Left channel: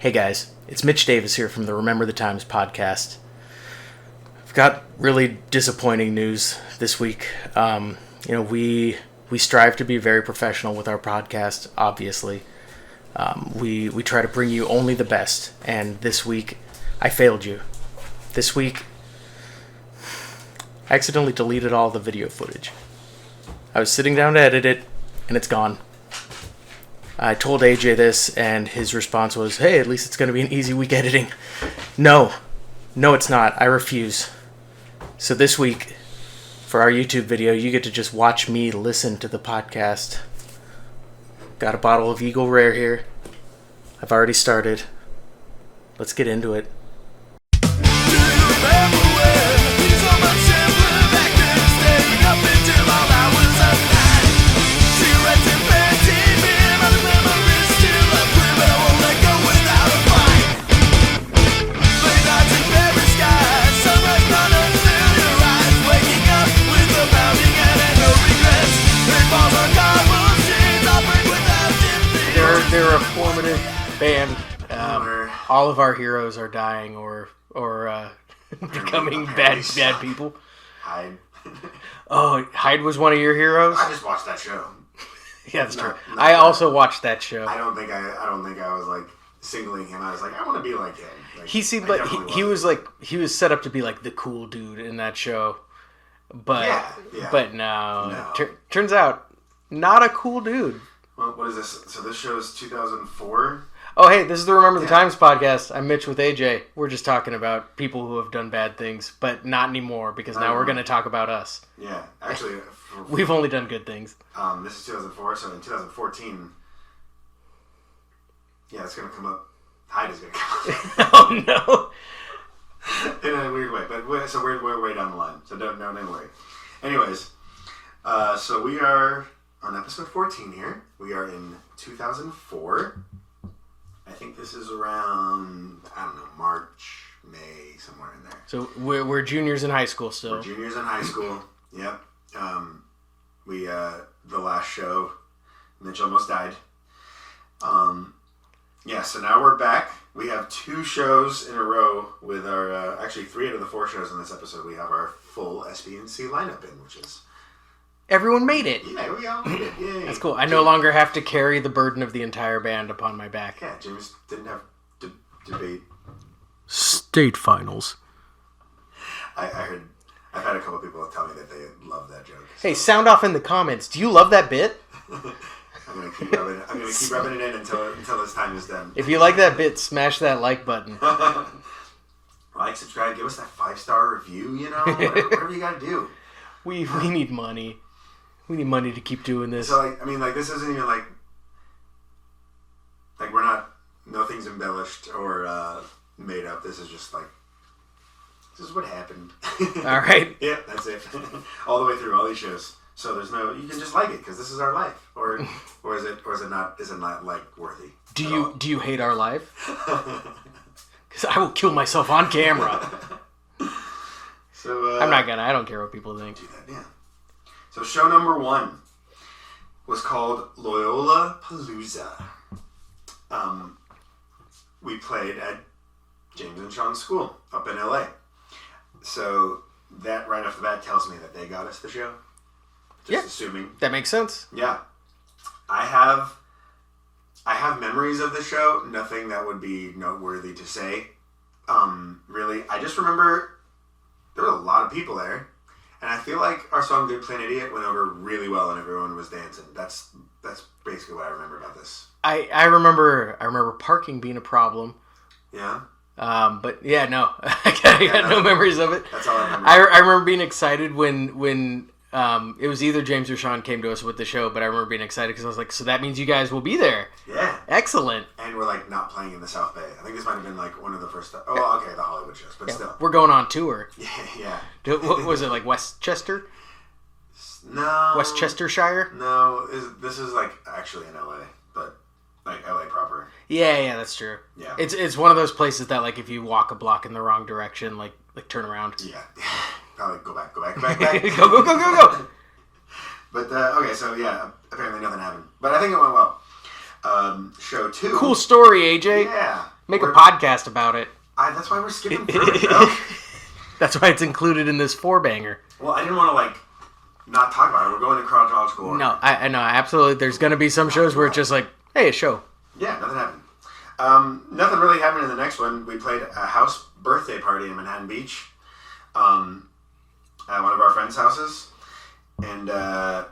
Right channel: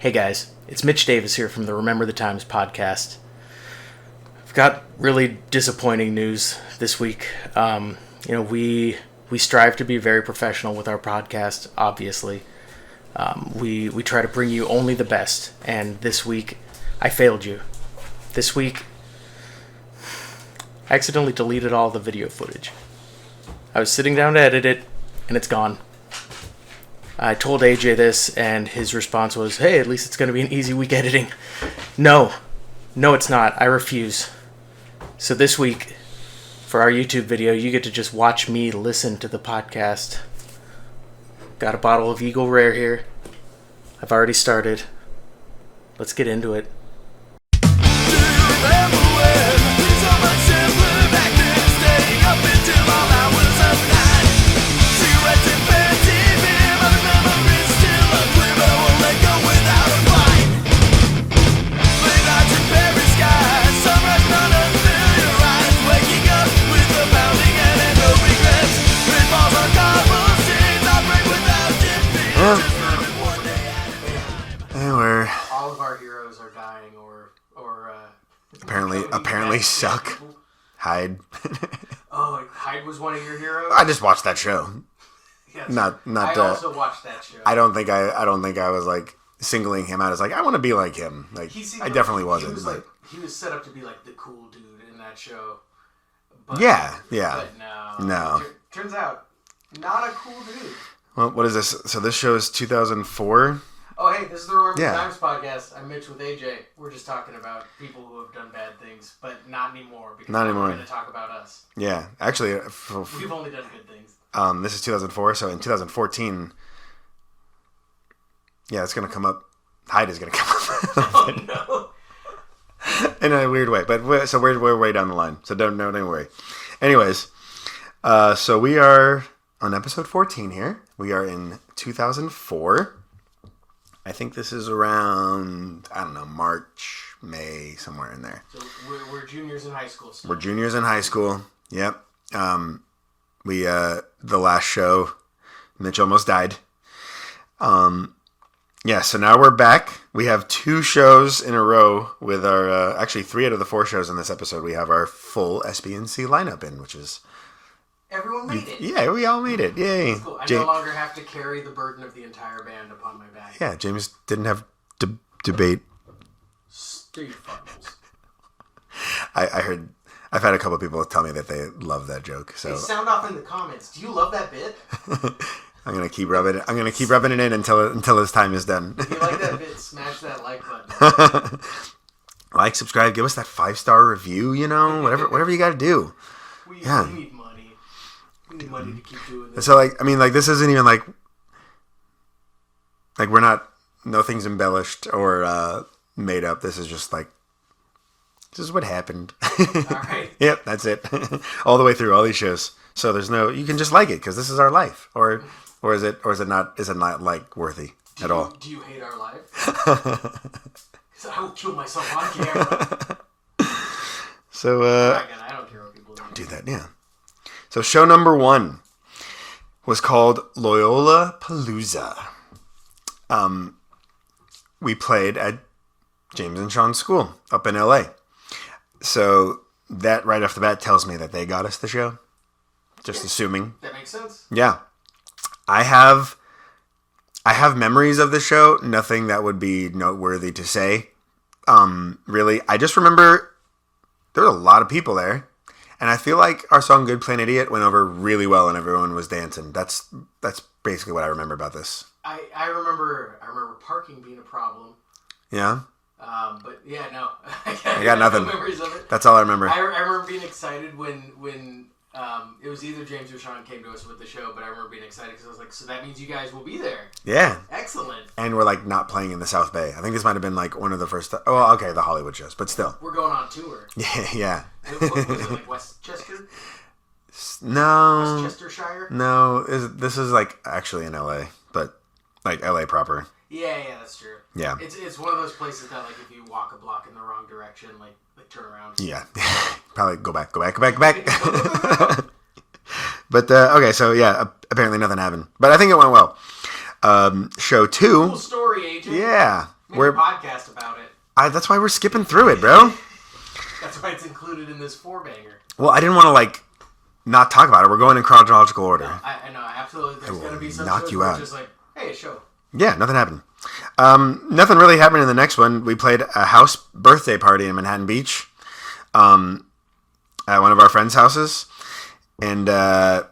Hey guys, it's Mitch Davis here from the Remember the Times podcast. I've got really disappointing news this week. We strive to be very professional with our podcast, obviously. We try to bring you only the best, and this week I failed you. This week I accidentally deleted all the video footage. I was sitting down to edit it, and it's gone. I told AJ this, and his response was, hey, at least it's going to be an easy week editing. No, it's not. I refuse. So this week, for our YouTube video, you get to just watch me listen to the podcast. Got a bottle of Eagle Rare here. I've already started. Let's get into it. All of our heroes are dying or apparently bad people. Hyde. Oh, Hyde was one of your heroes? I just watched that show. Yeah, I also watched that show. I don't think I was like singling him out as like I want to be like him. Like, he seemed I like definitely he wasn't, was like he was set up to be like the cool dude in that show. But yeah. But no. Turns out not a cool dude. Well, what is this? So this show is 2004. Oh, hey, this is the Remember the Times podcast. I'm Mitch with AJ. We're just talking about people who have done bad things, but not anymore, because now we're going to talk about us. Yeah, actually... We've only done good things. This is 2004, so in 2014... Yeah, it's going to come up. Hyde is going to come up. Oh, no. In a weird way, but we're way down the line, so don't worry. Anyways, so we are on episode 14 here. We are in 2004. I think this is around, I don't know, March, May, somewhere in there. So we're juniors in high school still. We're juniors in high school. Yep. The last show, Mitch almost died. So now we're back. We have 2 shows in a row with our, actually 3 out of the 4 shows in this episode. We have our full SBNC lineup in, which is... Everyone made it. Yeah, we all made it. Yay. That's cool. I no longer have to carry the burden of the entire band upon my back. Yeah, James didn't have debate state finals. I've had a couple of people tell me that they love that joke. So. Hey, sound off in the comments. Do you love that bit? I'm gonna keep rubbing it in until his time is done. If you like that bit, smash that like button. Like, subscribe, give us that 5-star review. Whatever you got to do. We need money. We need money to keep doing this. So, this isn't even, we're not... Nothing's embellished or made up. This is just, this is what happened. All right. Yep, that's it. All the way through all these shows. So there's no... You can just like it, because this is our life. Or is it not worthy at all? Do you hate our life? Because I will kill myself on camera. So, I'm not gonna. I don't care what people think. Do that, yeah. So show number 1 was called Loyola Palooza. We played at James and Sean's school up in LA. So that right off the bat tells me that they got us the show. Just assuming. That makes sense. Yeah. I have memories of the show. Nothing that would be noteworthy to say. Really. I just remember there were a lot of people there. And I feel like our song Good Plain Idiot went over really well and everyone was dancing. That's basically what I remember about this. I remember parking being a problem. Yeah? But yeah, no. I got no memories of it. That's all I remember. I remember being excited when it was either James or Sean came to us with the show, but I remember being excited because I was like, so that means you guys will be there. Yeah. Excellent. And we're not playing in the South Bay. I think this might have been one of the first... Oh, okay, the Hollywood shows, but still. We're going on tour. Yeah. What was it, Westchester? No. Westchestershire? No, this is actually in LA, but LA proper. Yeah, that's true. Yeah. It's one of those places that if you walk a block in the wrong direction, turn around. Yeah. Probably go back. Go. But, okay, so yeah, apparently nothing happened. But I think it went well. Show 2. Cool story, AJ. Yeah. Make a podcast about it. That's why we're skipping through it, bro. That's why it's included in this 4-banger. Well, I didn't want to, like, not talk about it. We're going in chronological order. No, I know, absolutely. There's going to be some shows where it's just like, hey, a show. Yeah, nothing happened. Nothing really happened in the next one. We played a house birthday party in Manhattan Beach at one of our friends' houses. And there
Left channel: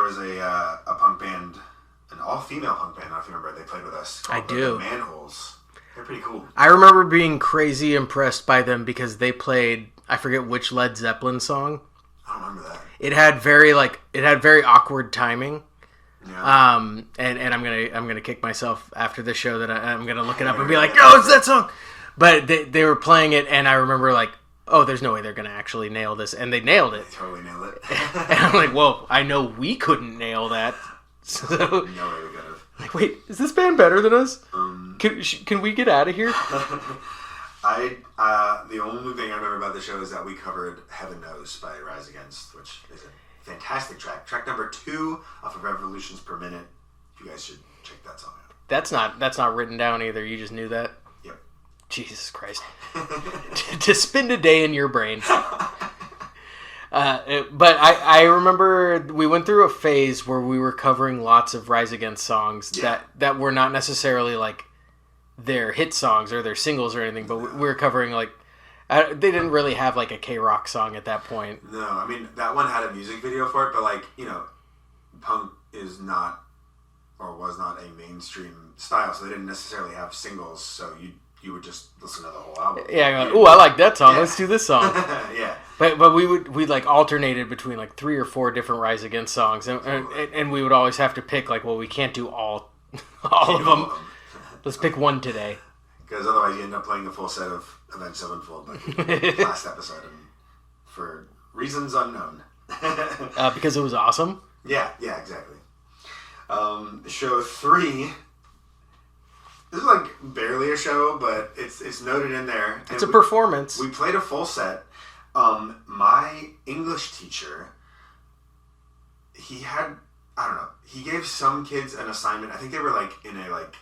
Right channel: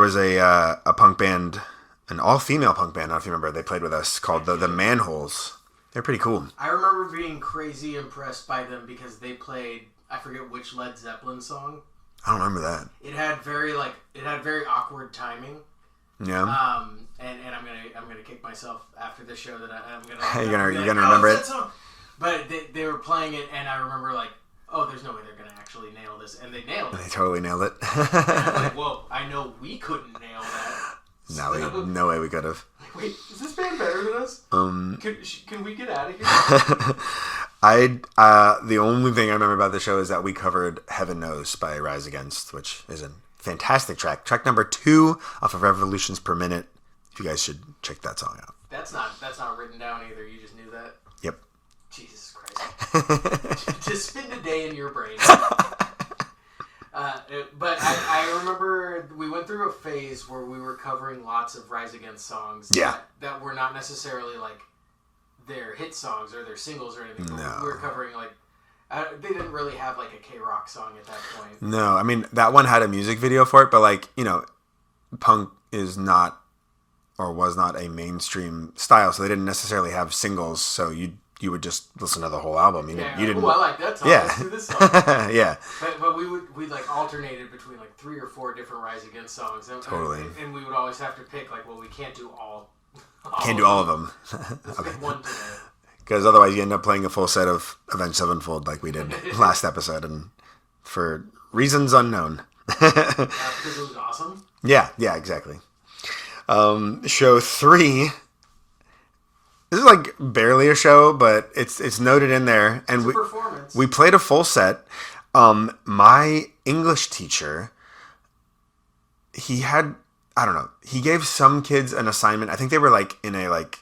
was a punk band, an all-female punk band, I don't know if you remember. They played with us called the Manholes. They're pretty cool. I remember being crazy impressed by them because they played, I forget which Led Zeppelin song. I don't remember that. It had very awkward timing. Yeah. And I'm gonna kick myself after the show that I'm gonna look it up and be like, no, it's that song. But they were playing it, and I remember like, oh, there's no way they're gonna actually nail this, and they nailed it. They totally nailed it. And I'm like, whoa, I know we couldn't nail that. No way we could have. Like, wait, is this band better than us? Can we get out of here? The only thing I remember about the show is that we covered Heaven Knows by Rise Against, which is a fantastic track. Track number 2 off of Revolutions Per Minute. You guys should check that song out. That's not written down either. You just knew that? Yep. Jesus Christ. To spend a day in your brain. But I remember we went through a phase where we were covering lots of Rise Against songs that were not necessarily like their hit songs or their singles or anything, but we were covering like they didn't really have like a K-rock song at that point. No, I mean that one had a music video for it, but like, you know, punk is not or was not a mainstream style, so they didn't necessarily have singles, so you would just listen to the whole album. Ooh, I like that song. Yeah. Let's do this song. Yeah. But we like alternated between like 3 or 4 different Rise Against songs, and we would always have to pick like, well, we can't do all of them. Let's pick one today. Because otherwise you end up playing a full set of Avenged Sevenfold like we did last episode, and for reasons unknown. Because it was awesome? Yeah, exactly. Show 3... This is like barely a show, but it's noted in there. And it's a performance. We played a full set. My English teacher, he had, I don't know, he gave some kids an assignment. I think they were like in a like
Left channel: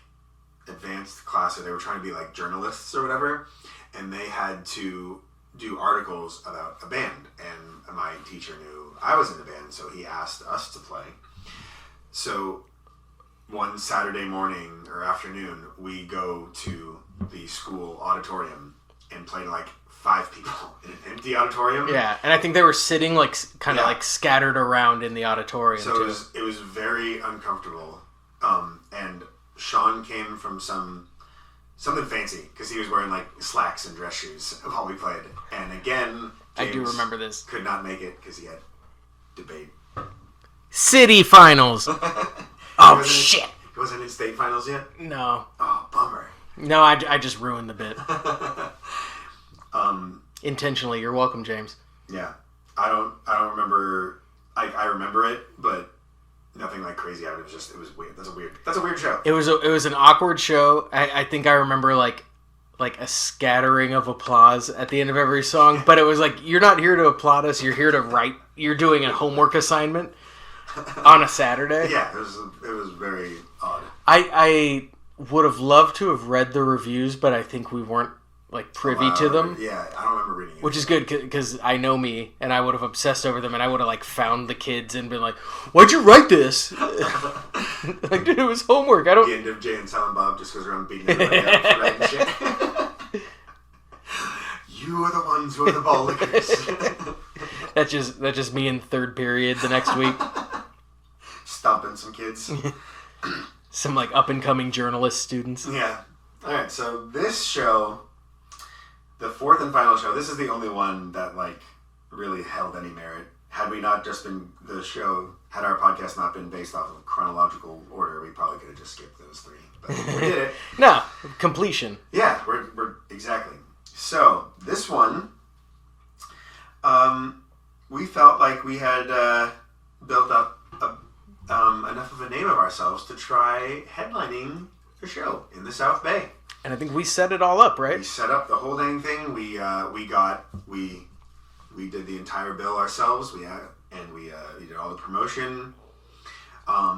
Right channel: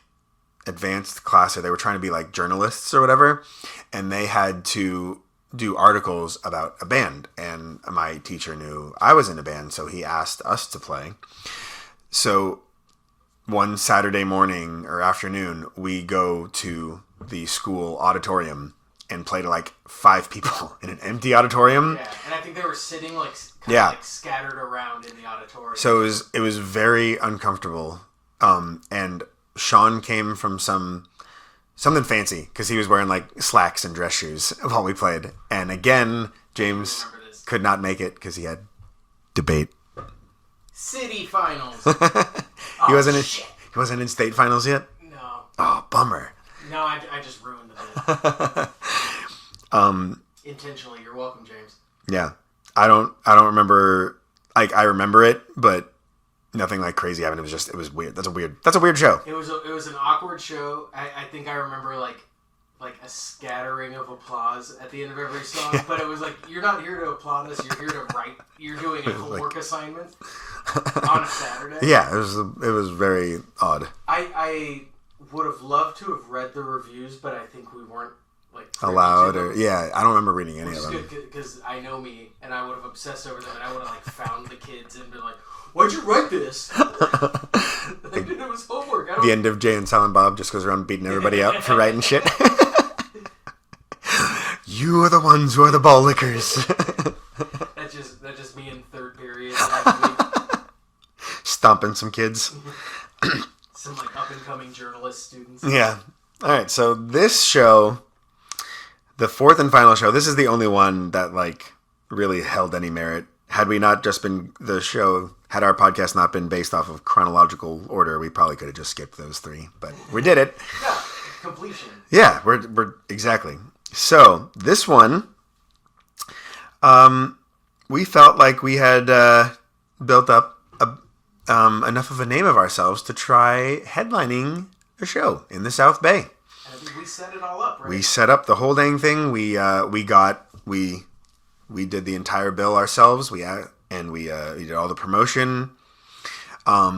advanced class, or they were trying to be like journalists or whatever. And they had to do articles about a band. And my teacher knew I was in a band, so he asked us to play. So one Saturday morning or afternoon, we go to the school auditorium and play to like 5 people in an empty auditorium. Yeah, and I think they were sitting like kind of like scattered around in the auditorium. So it was very uncomfortable. And Sean came from something fancy because he was wearing like slacks and dress shoes while we played. And again, James remember this. Could not make it because he had debate. City finals. Shit. He wasn't in state finals yet? No. Oh, bummer. No, I just ruined the bit. Intentionally. You're welcome, James. Yeah. I don't remember. Like, I remember it, but nothing like crazy happened. It was weird. That's a weird show. It was an awkward show. I think I remember like a scattering of applause at the end of every song, but it was like, you're not here to applaud us. You're here to write. You're doing a homework assignment. On a Saturday? Yeah, it was very odd. I would have loved to have read the reviews, but I think we weren't like privy to them. Yeah, I don't remember reading it. Which is good because I know me, and I would have obsessed over them, and I would have like found the kids and been like, "Why'd you write this?" Like, dude, it was homework. The end of Jay and Silent Bob just goes around beating everybody up for writing shit. You are the ones who are the ball lickers. That's just me in 3rd period the next week. Stomping some kids. Some like up and coming journalist students. Yeah. Alright, so this show, the 4th and final show, this is the only one that like really held any merit. Had we not just been had our podcast not been based off of chronological order, we probably could have just skipped those 3. But we did it. No, completion. Yeah, we're exactly. So this one, we felt like we had built up enough of a name of ourselves to try headlining a show in the South Bay. And I think we set it all up, right? We set up the whole dang thing. We did the entire bill ourselves. We did all the promotion.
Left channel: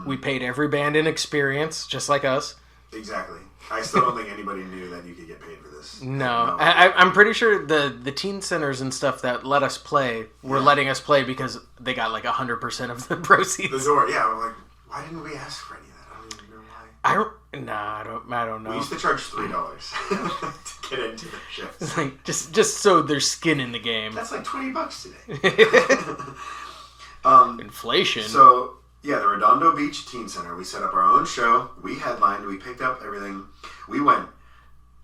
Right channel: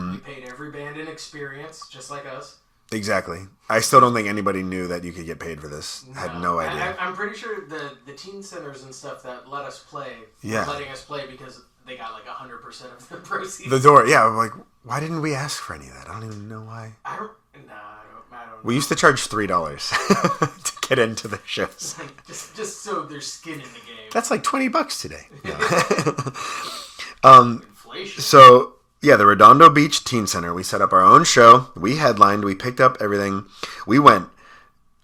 We paid every band in experience, just like us. Exactly. I still don't think anybody knew that you could get paid for this. No, Had no idea. I'm pretty sure the teen centers and stuff that let us play were letting us play because they got like 100% of the proceeds. The door, yeah. I'm like, why didn't we ask for any of that? I don't even know why. I don't know. We used to charge $3 to get into the shows. Like, just so there's skin in the game. That's like $20 today. Inflation. So yeah, the Redondo Beach Teen Center. We set up our own show. We headlined. We picked up everything. We went.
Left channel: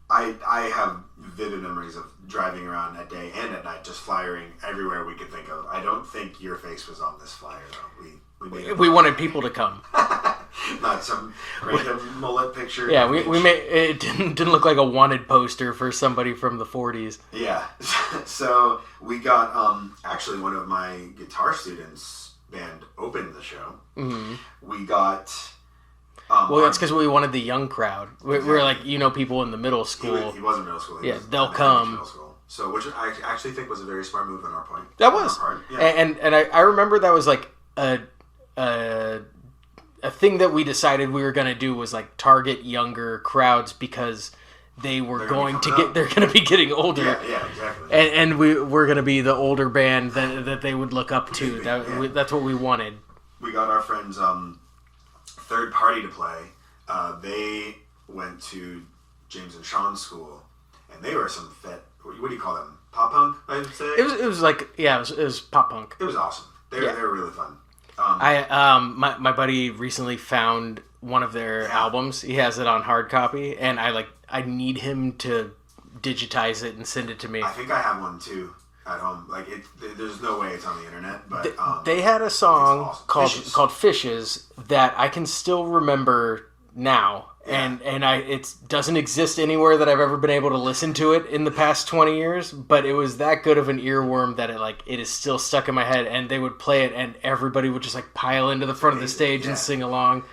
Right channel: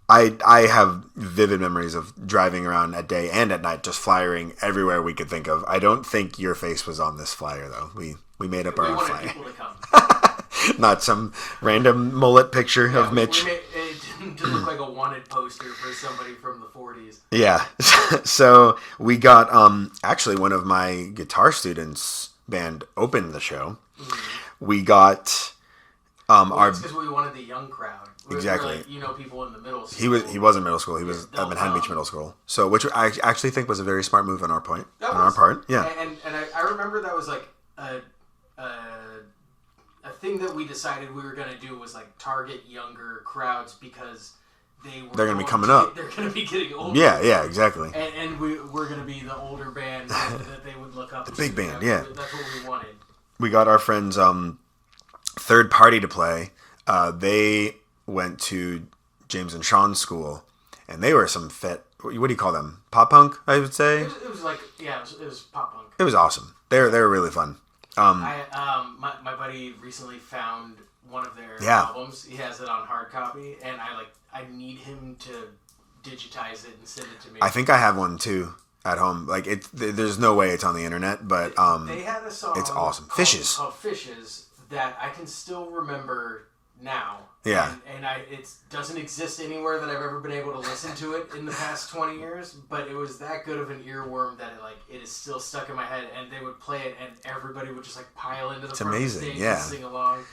I have vivid memories of driving around at day and at night, just flyering everywhere we could think of. I don't think your face was on this flyer though. We made it. We wanted people to come. Not some random mullet picture. Yeah, of Mitch. we made it didn't look like a wanted poster for somebody from the 40s. Yeah. So we got actually one of my guitar students' band opened the show. Mm-hmm. We got. It's because we wanted the young crowd. We were like, people in the middle school. He was in middle school. He was they'll at come. Middle School. So, which I actually think was a very smart move on our point. That was. On our part. Yeah. And I remember that was like a thing that we decided we were going to do was like target younger crowds because they're going to be getting older. Yeah, exactly. And we're going to be the older band that they would look up to. Big band, That's what we wanted. We got our friends third party to play. They went to James and Sean's school, and they were some fit. What do you call them? Pop punk, I would say. It was like it was pop punk. It was awesome. They were really fun. My buddy recently found one of their albums. He has it on hard copy, and I need him to digitize it and send it to me. I think I have one too at home. Like there's no way it's on the internet, but they had a song it's awesome. called Fishes that I can still remember now. Yeah. And it doesn't exist anywhere that I've ever been able to listen to it in the past 20 years, but it was that good of an earworm that it is still stuck in my head, and they would play it and everybody would just pile into the front of the stage and sing along.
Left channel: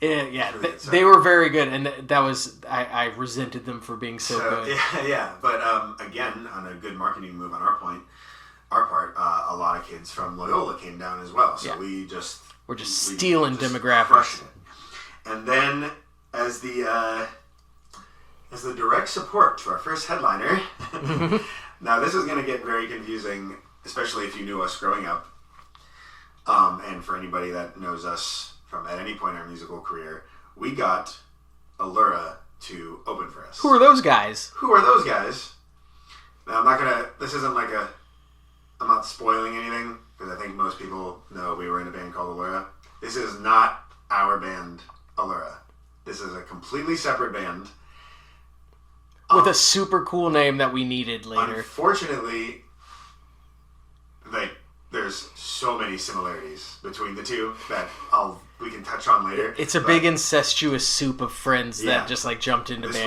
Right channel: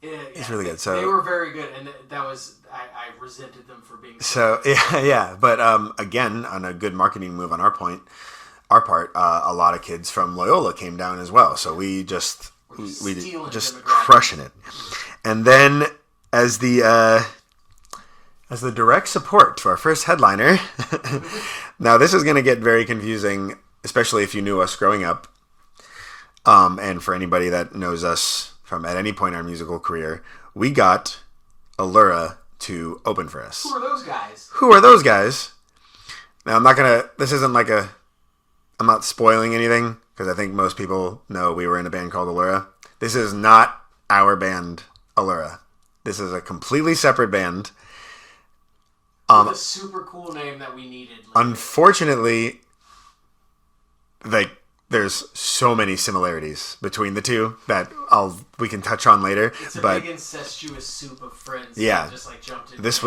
It's really good. So, they were very good, and that was I resented them for being so good. Yeah. But again, on a good marketing move on our part, a lot of kids from Loyola came down as well. So we're just stealing demographics, crushing it. And then as the direct support to our first headliner, now this is going to get very confusing, especially if you knew us growing up, and for anybody that knows us from at any point in our musical career, we got Allura to open for us. Who are those guys? Now, I'm not spoiling anything, because I think most people know we were in a band called Allura. This is not our band, Allura. This is a completely separate band. With a super cool name that we needed later. Unfortunately, there's so many similarities between the two that we can touch on later. It's a big incestuous soup of friends that just jumped into bands.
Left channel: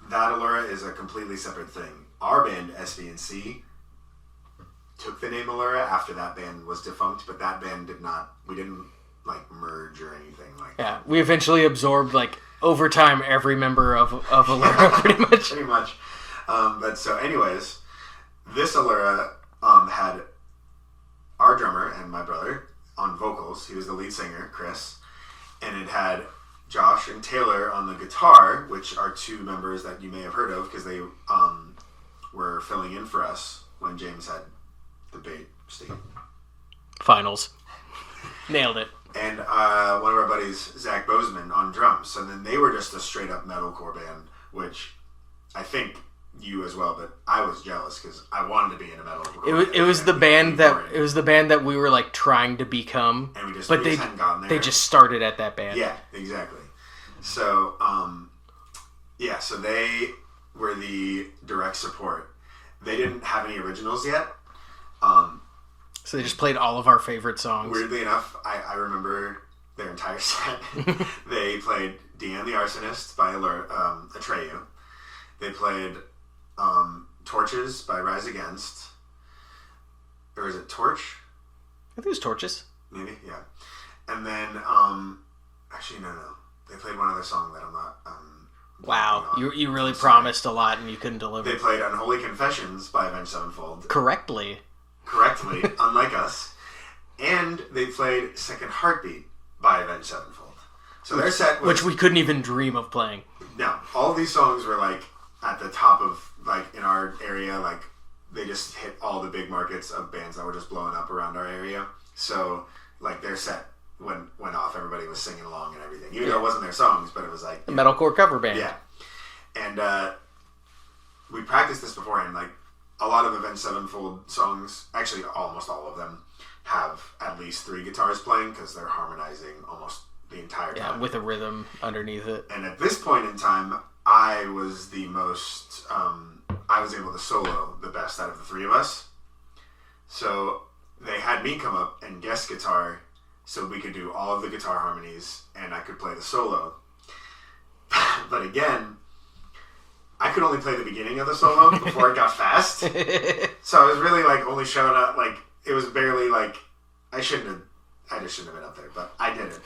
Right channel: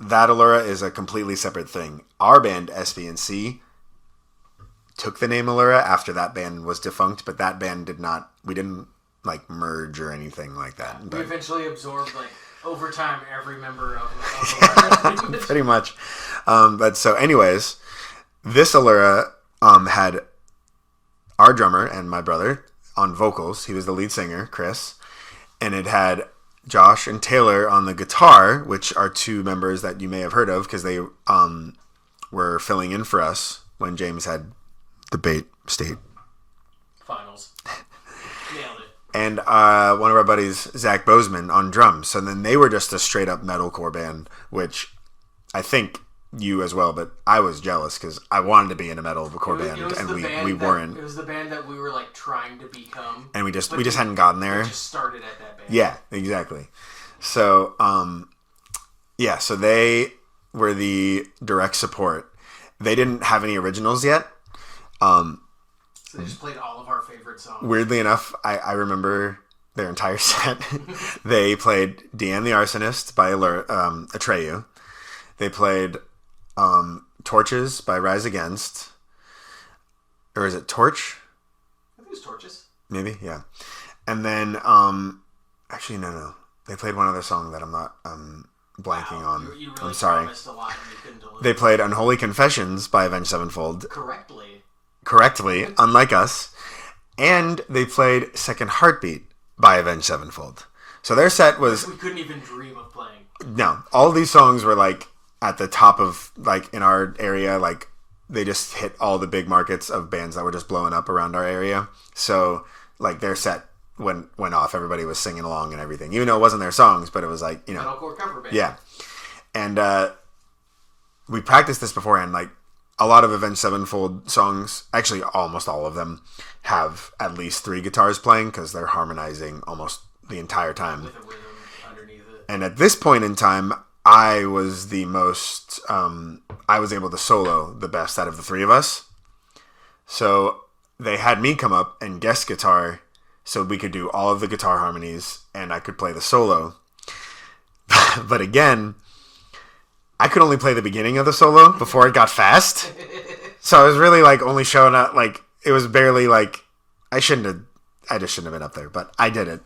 That Allura is a completely separate thing. Our band, SVNC, took the name Allura after that band was defunct, but that band we didn't merge or anything like that. We eventually absorbed over time every member of Allura pretty much. But so anyways, this Allura had our drummer and my brother on vocals. He was the lead singer, Chris, and it had Josh and Taylor on the guitar, which are two members that you may have heard of because they were filling in for us when James had the Bait State Finals. Nailed it. And one of our buddies, Zach Bozeman, on drums. So then they were just a straight up metalcore band, which I think you as well, but I was jealous because I wanted to be in a metalcore band. It was the band that we were trying to become, and we just hadn't gotten there. They just started at that band. Yeah, exactly. So so they were the direct support. They didn't have any originals yet. So they just played all of our favorite songs. Weirdly enough, I remember their entire set. They played Deanne the Arsonist by Atreyu. They played Torches by Rise Against. Or is it Torch? I think it was Torches. Maybe, yeah. And then, actually, no. They played one other song that I'm not blanking on. You really promised a lot and you couldn't deliver. They played Unholy Confessions by Avenged Sevenfold. Correctly, unlike us. And they played Second Heartbeat by Avenged Sevenfold, So their set was... Which we couldn't even dream of playing. No. All of these songs were, like, at the top of, like, in our area, like, they just hit all the big markets of bands that were just blowing up around our area. So, like, their set went off. Everybody was singing along and everything. Even though it wasn't their songs, but it was, like... Metalcore cover band. Yeah. And we practiced this beforehand. Like, a lot of Avenged Sevenfold songs, actually almost all of them, have at least 3 guitars playing because they're harmonizing almost the entire time. With a rhythm underneath it. And at this point in time, I was the most... I was able to solo the best out of the 3 of us. So they had me come up and guest guitar so we could do all of the guitar harmonies and I could play the solo. But again, I could only play the beginning of the solo before it got fast. So I was really like only showing up, like, it was barely like, I just shouldn't have been up there, but I did it.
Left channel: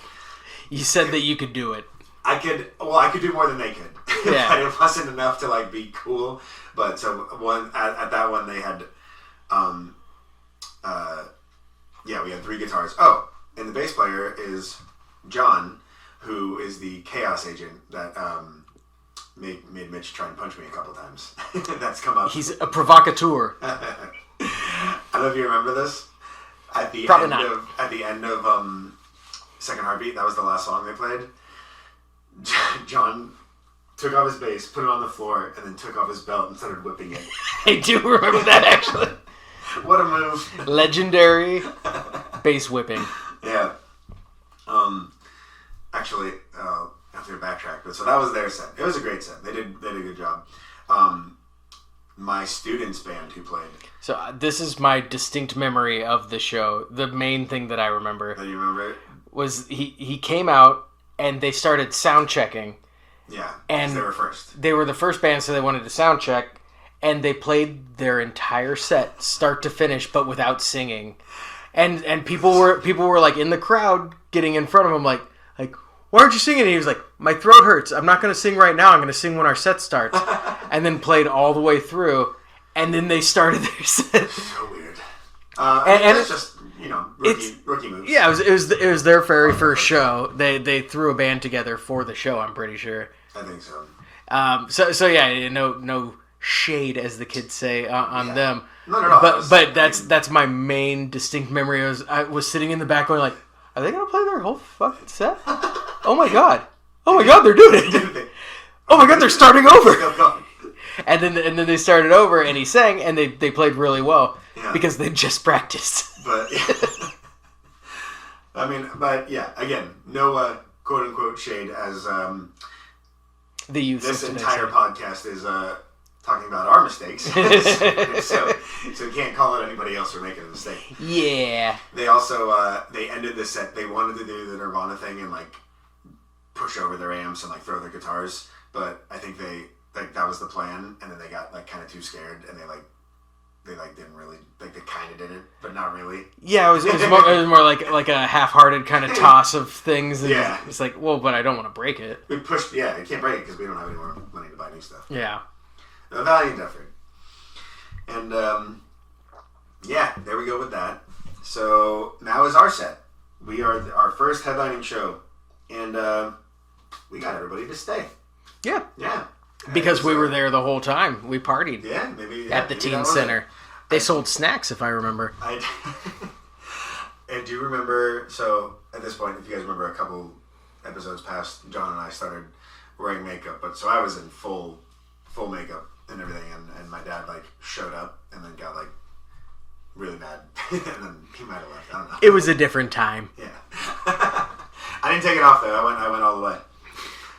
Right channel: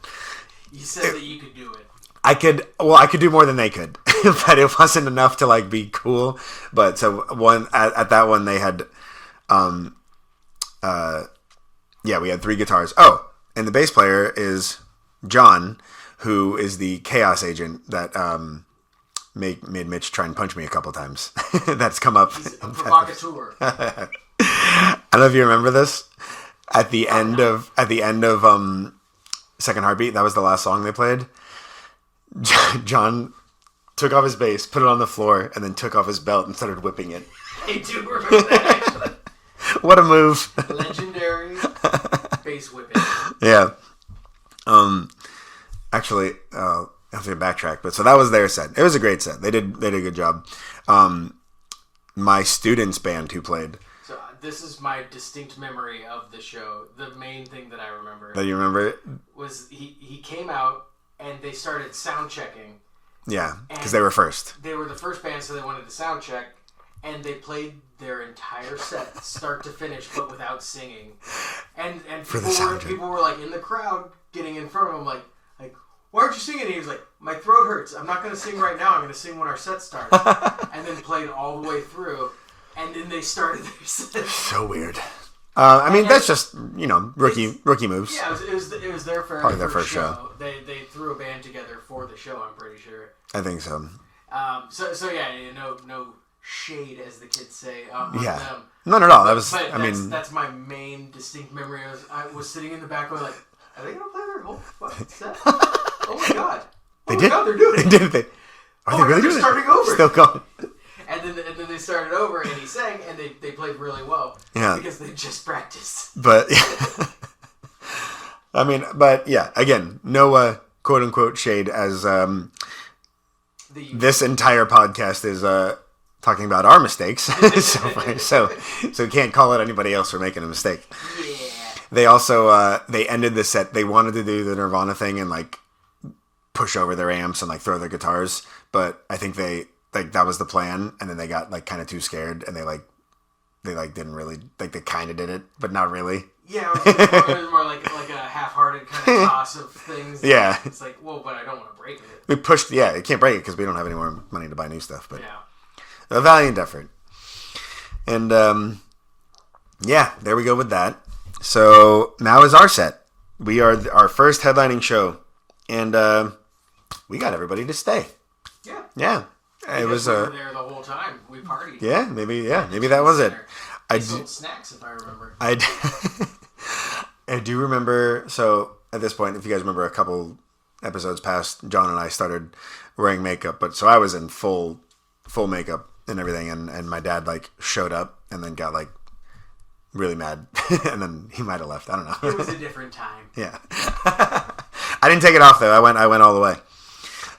You said that you could do it. I could do more than they could, yeah. But it wasn't enough to like be cool. But so at that one they had, we had 3 guitars. Oh, and the bass player is John, who is the chaos agent that made Mitch try and punch me a couple times. That's come up. He's a provocateur. I don't know if you remember this. At the end of Second Heartbeat, that was the last song they played. John took off his bass, put it on the floor, and then took off his belt and started whipping it. I do remember that, actually. What a move. Legendary bass whipping. Yeah. Actually, I have to backtrack, but so that was their set. It was a great set. They did a good job. My students' band who played. So this is my distinct memory of the show. The main thing that I remember. That you remember it? Was he came out and they started sound checking. Yeah, because they were first. They were the first band, so they wanted to sound check, and they played their entire set, start to finish, but without singing. And people were like in the crowd, getting in front of him, like, why aren't you singing? And he was like, my throat hurts. I'm not going to sing right now. I'm going to sing when our set starts. And then played all the way through, and then they started their set. So weird. I mean, that's just, rookie moves. Yeah, it was their very first show. They threw a band together for the show, I'm pretty sure. I think so. So yeah, no shade, as the kids say, on them. None at all. But that's my main distinct memory. I was sitting in the back going like, are they going to play their whole fucking set? Oh my god. Oh my god, they're doing it. Didn't they? Oh my god, they're starting over. Still going. And then they started over, and he sang, and they played really well. Yeah. Because they just practiced. But, again, no quote-unquote shade, as this entire podcast is talking about our mistakes. so you can't call out anybody else for making a mistake. Yeah. They also, they ended the set, they wanted to do the Nirvana thing and, like, push over their amps and, like, throw their guitars, but I think that was the plan, and then they got, like, kind of too scared, and they didn't really, like, they kind of did it, but not really. Yeah, it was more like a half-hearted kind of toss of things. Yeah. It's like, well, but I don't want to break it. We pushed, yeah, you can't break it because we don't have any more money to buy new stuff. But yeah. A valiant effort. And, there we go with that. So, now is our set. We are our first headlining show, and we got everybody to stay. Yeah. Yeah. Because we were there the whole time. We partied. Yeah, maybe that was Center. it. They sold snacks, if I remember. I do remember, so at this point, if you guys remember a couple episodes past, John and I started wearing makeup, but so I was in full makeup and everything, and my dad, like, showed up and then got, like, really mad, and then he might have left. I don't know. It was a different time. Yeah. I didn't take it off, though. I went all the way.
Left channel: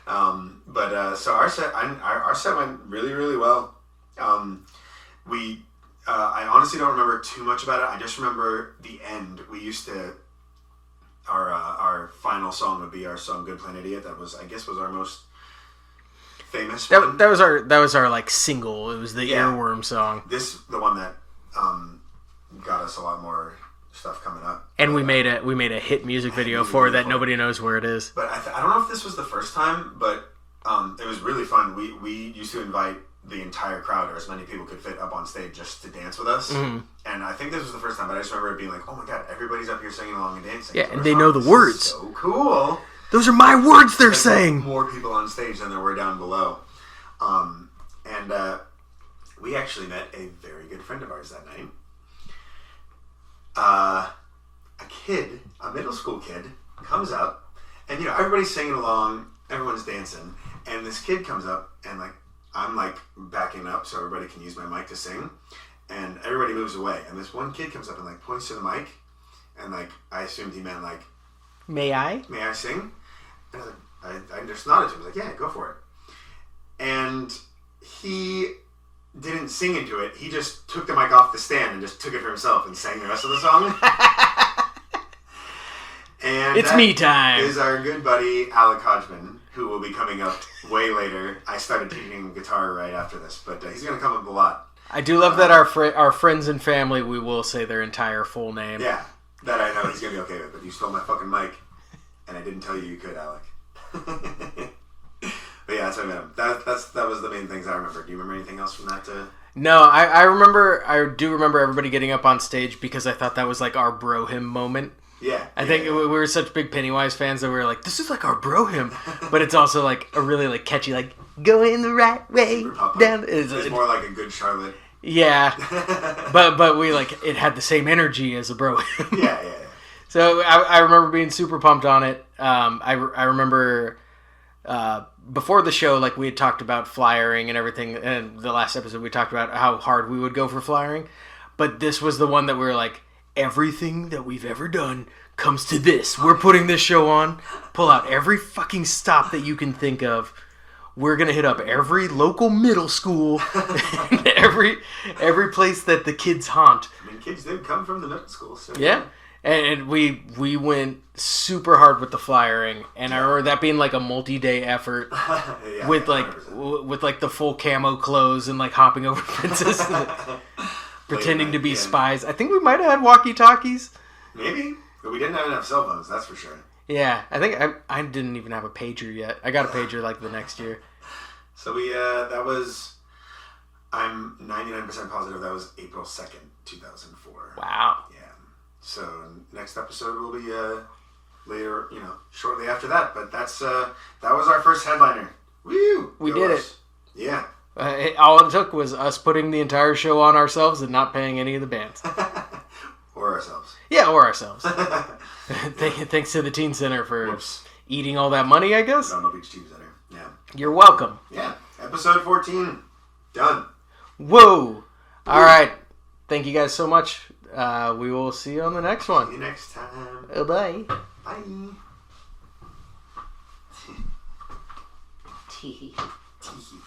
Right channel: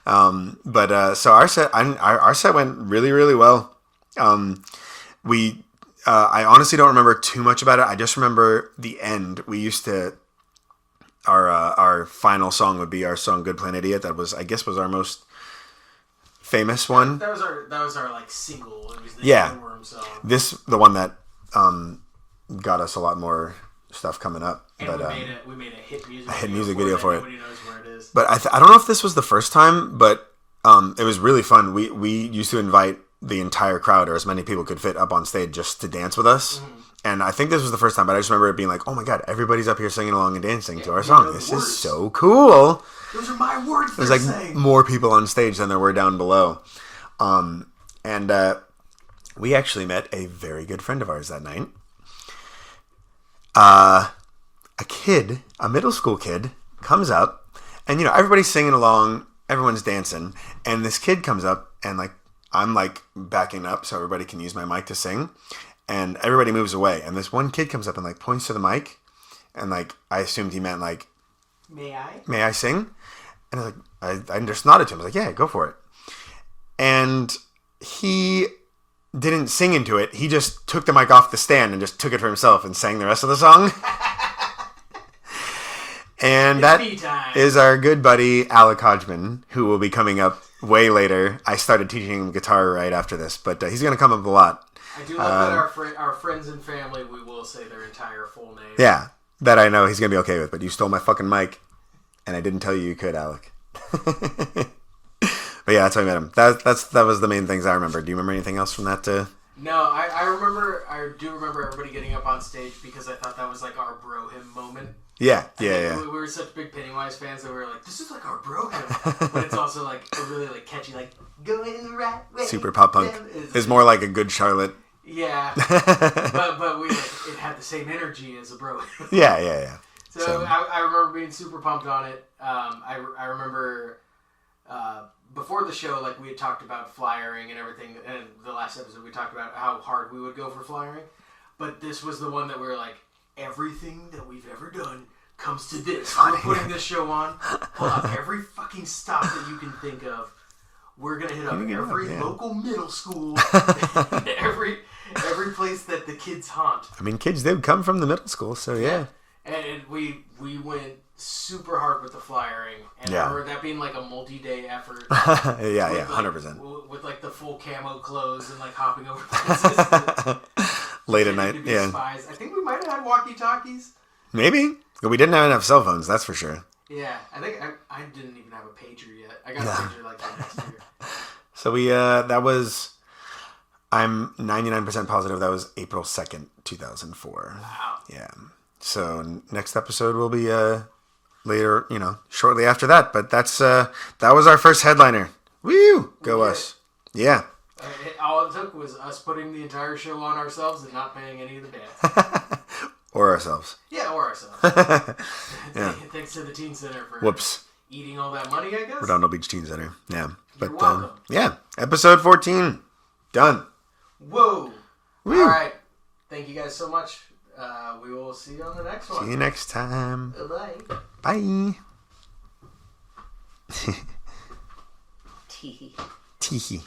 So our set went really, really well. I honestly don't remember too much about it. I just remember the end. We used to, our final song would be our song "Good Plan Idiot." That was our most famous one. That was our like single. It was the Earworm song. The one that got us a lot more stuff coming up. And we made a hit music video for that. Nobody knows where it is. But I don't know if this was the first time, but it was really fun. We used to invite the entire crowd, or as many people could fit up on stage just to dance with us. And I think this was the first time, but I just remember it being like, oh my god, everybody's up here singing along and dancing to our they song. know the This words. is so cool. Those are my words they're There's like saying. more people on stage than there were down below. And we actually met a very good friend of ours that night. A middle school kid, comes up, and everybody's singing along, everyone's dancing, and this kid comes up, and I'm backing up so everybody can use my mic to sing, and everybody moves away, and this one kid comes up and points to the mic, and I assumed he meant May I sing? And I just nodded to him. I was like, yeah, go for it. And he didn't sing into it. He just took the mic off the stand and just took it for himself and sang the rest of the song. And It's me time. Is our good buddy Alec Hodgman, who will be coming up way later. I started teaching him guitar right after this, but he's going to come up a lot. I do love that our friends and family, we will say their entire full name. Yeah, that I know he's going to be okay with, but you stole my fucking mic, and I didn't tell you could, Alec. But yeah, that's how I met him. That was the main things I remember. Do you remember anything else from that? No, I do remember everybody getting up on stage because I thought that was our bro him moment. Yeah. I think we were such big Pennywise fans that we were like, this is our bro him. But it's also a really catchy, going the right way. Super pop punk. It's more like a Good Charlotte. Yeah. but we it had the same energy as a bro him. Yeah. So I remember being super pumped on it. I remember before the show, we had talked about flyering and everything, and the last episode we talked about how hard we would go for flyering. But this was the one that we were everything that we've ever done comes to this. We're putting this show on. Pull out every fucking stop that you can think of. We're gonna hit up every local middle school, every place that the kids haunt. I mean, kids did come from the middle school, so yeah. And we went super hard with the flyering, and I remember that being a multi-day effort. With 100%. With the full camo clothes and hopping over fences, pretending to be spies. I think we might have had walkie-talkies. Maybe, but we didn't have enough cell phones. That's for sure. Yeah, I think I didn't even have a pager yet. I got a pager the next year. So we I'm 99% positive that was April 2nd, 2004. Wow. Yeah. So next episode will be later, shortly after that. But that was our first headliner. Woo! We did us. It. Yeah. All it took was us putting the entire show on ourselves and not paying any of the bands. Or ourselves. Yeah, or ourselves. Thanks to the Teen Center for eating all that money, I guess. Redondo Beach Teen Center. Yeah. You're welcome. Yeah. Episode 14. Done. Whoa. Woo. All right. Thank you guys so much. We will see you on the next one. See you next time. Bye. Bye. Tee. Tee.